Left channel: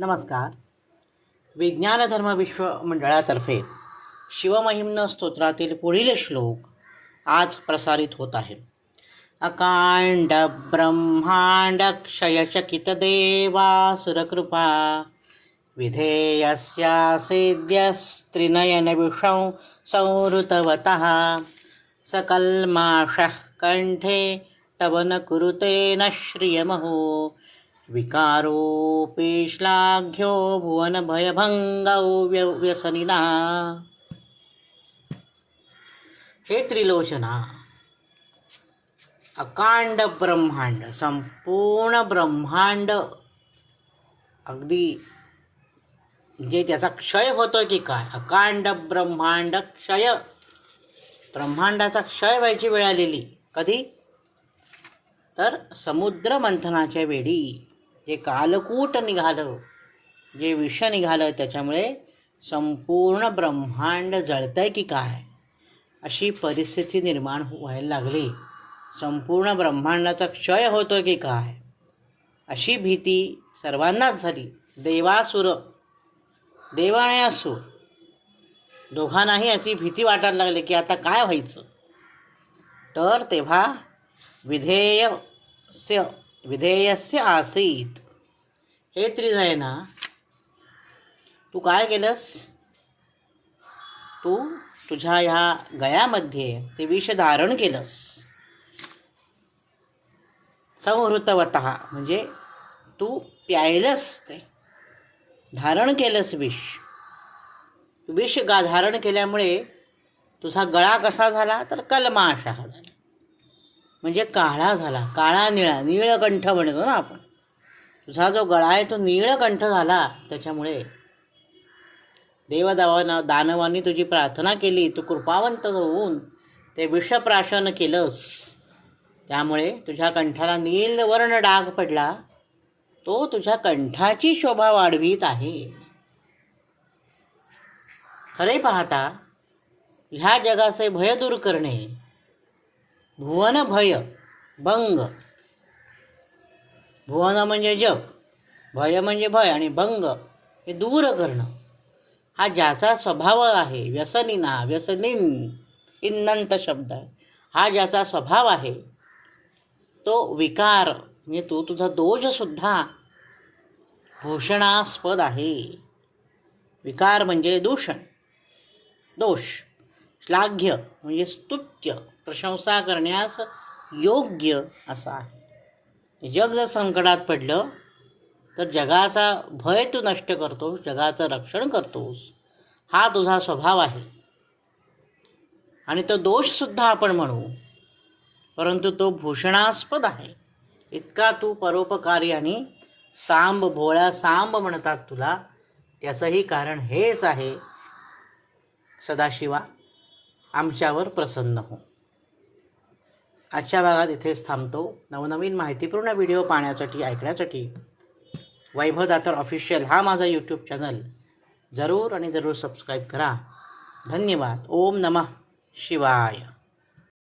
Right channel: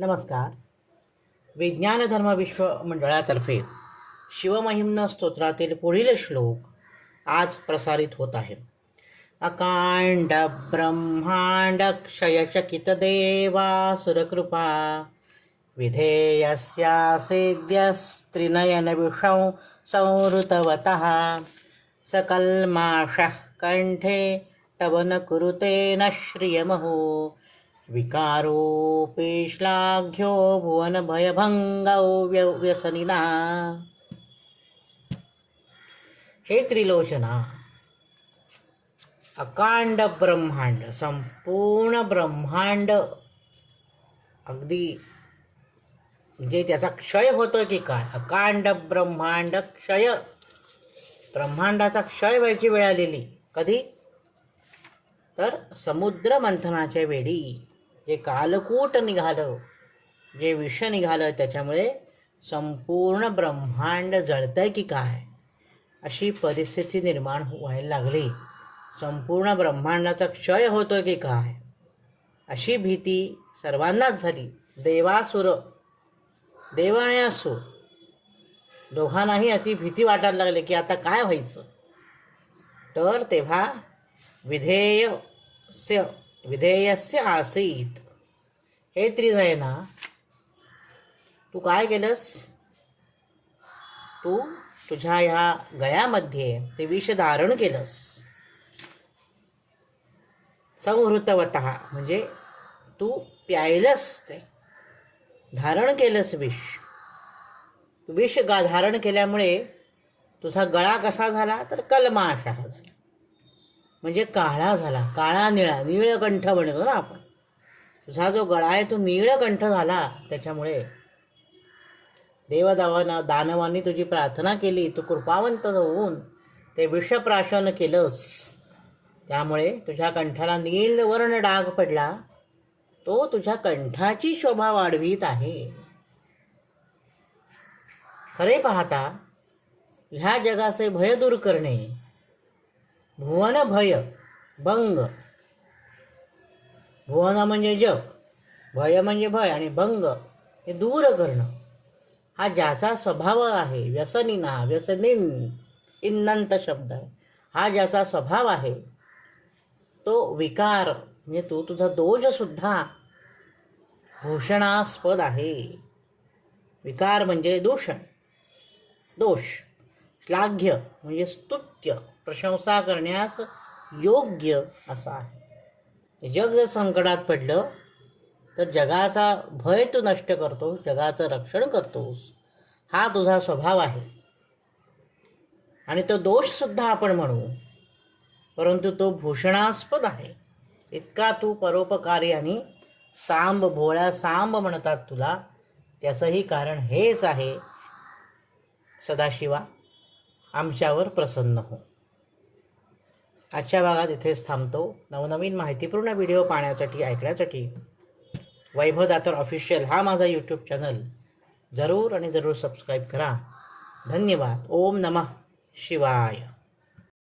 नमस्कार. विज्ञान धर्म विश्व मंडळातर्फे शिवमहिम्न स्तोत्रातील पुढील श्लोक आज प्रसारित होत आहे. अकांड ब्रह्मांड क्षयचकित देवासुरकृपा विधेयस्यासेद्यस्त्रिनयन विषं संहृतवतः सकल्माषः कण्ठे तव न कुरुते न श्रियमहो विकारोपेश्लाघ्यो भुवन भुवनभयभङ्गौ व्यसनिना। हे त्रिलोचना अकांड ब्रह्मांड संपूर्ण ब्रह्मांड अगदी म्हणजे त्याचा क्षय होतो की काय? अकांड ब्रह्मांड क्षय. ब्रह्मांडाचा क्षय व्हायची वेळ आलेली. कधी? तर समुद्र मंथनाच्या वेळी. जे कालकूट निघालं. जे विष निघालं त्याच्यामुळे संपूर्ण ब्रह्मांड जळतंय की काय? अशी परिस्थिती निर्माण व्हायला लागली. संपूर्ण ब्रह्मांडाचा क्षय होतो की काय? अशी भीती सर्वांनाच झाली. देवासुर देव आणि असुर दोघांनाही अशी भीती वाटायला लागली की आता काय व्हायचं? तर तेव्हा विधेयस्य विधेयस्य आसीत. हे त्रिनयना तू काय केलंस? तू तुझ्या ह्या गळ्यामध्ये ते विष धारण केलंस. संहृतवत म्हणजे तू प्यायलंस ते. धारण केलंस विष. विष गा धारण केल्यामुळे तुझा गळा कसा झाला? तर कलमाशा झाला. म्हणजे काळा झाला काळा निळा नीळकंठ म्हणतो ना आपण. तुझा जो गळा आहे तो नीळकंठ झाला त्याच्यामुळे. देवदावाना दानवांनी तुझी प्रार्थना केली तू कृपावंत होऊन ते विषप्राशन केलंस. त्यामुळे तुझ्या कंठाला नीलवर्ण डाग पडला. तो तुझ्या कंठाची शोभा वाढवीत आहे. खरे पाहता ह्या जगाचे भय दूर करणे भुवन भय भंग. भुवन म्हणजे जग भय म्हणजे भय आणि भंग हे दूर करणं. हा ज्याचा स्वभाव आहे व्यसनीना व्यसनीन इन्नंत शब्द आहे. हा ज्याचा स्वभाव आहे तो विकार म्हणजे तो तुझा दोषसुद्धा भूषणास्पद आहे. विकार म्हणजे दूषण दोष. श्लाघ्य म्हणजे स्तुत्य प्रशंसा करण्यास योग्य असा आहे. जग जर संकटात पडलं तर जगाचा भय तू नष्ट करतोस जगाचं रक्षण करतोस. हा तुझा स्वभाव आहे. आणि तो दोषसुद्धा आपण म्हणू परंतु तो भूषणास्पद आहे. इतका तू परोपकारी आणि सांब भोळ्या सांब म्हणतात तुला त्याचंही कारण हेच आहे सदाशिवा. आमच्यावर प्रसन्न हो. आजच्या भागात इथेच थांबतो. नवनवीन माहितीपूर्ण व्हिडिओ पाहण्यासाठी ऐकण्यासाठी वैभव दातर ऑफिशियल हा माझा यूट्यूब चॅनल जरूर आणि जरूर सबस्क्राईब करा. धन्यवाद. ओम नमः शिवाय.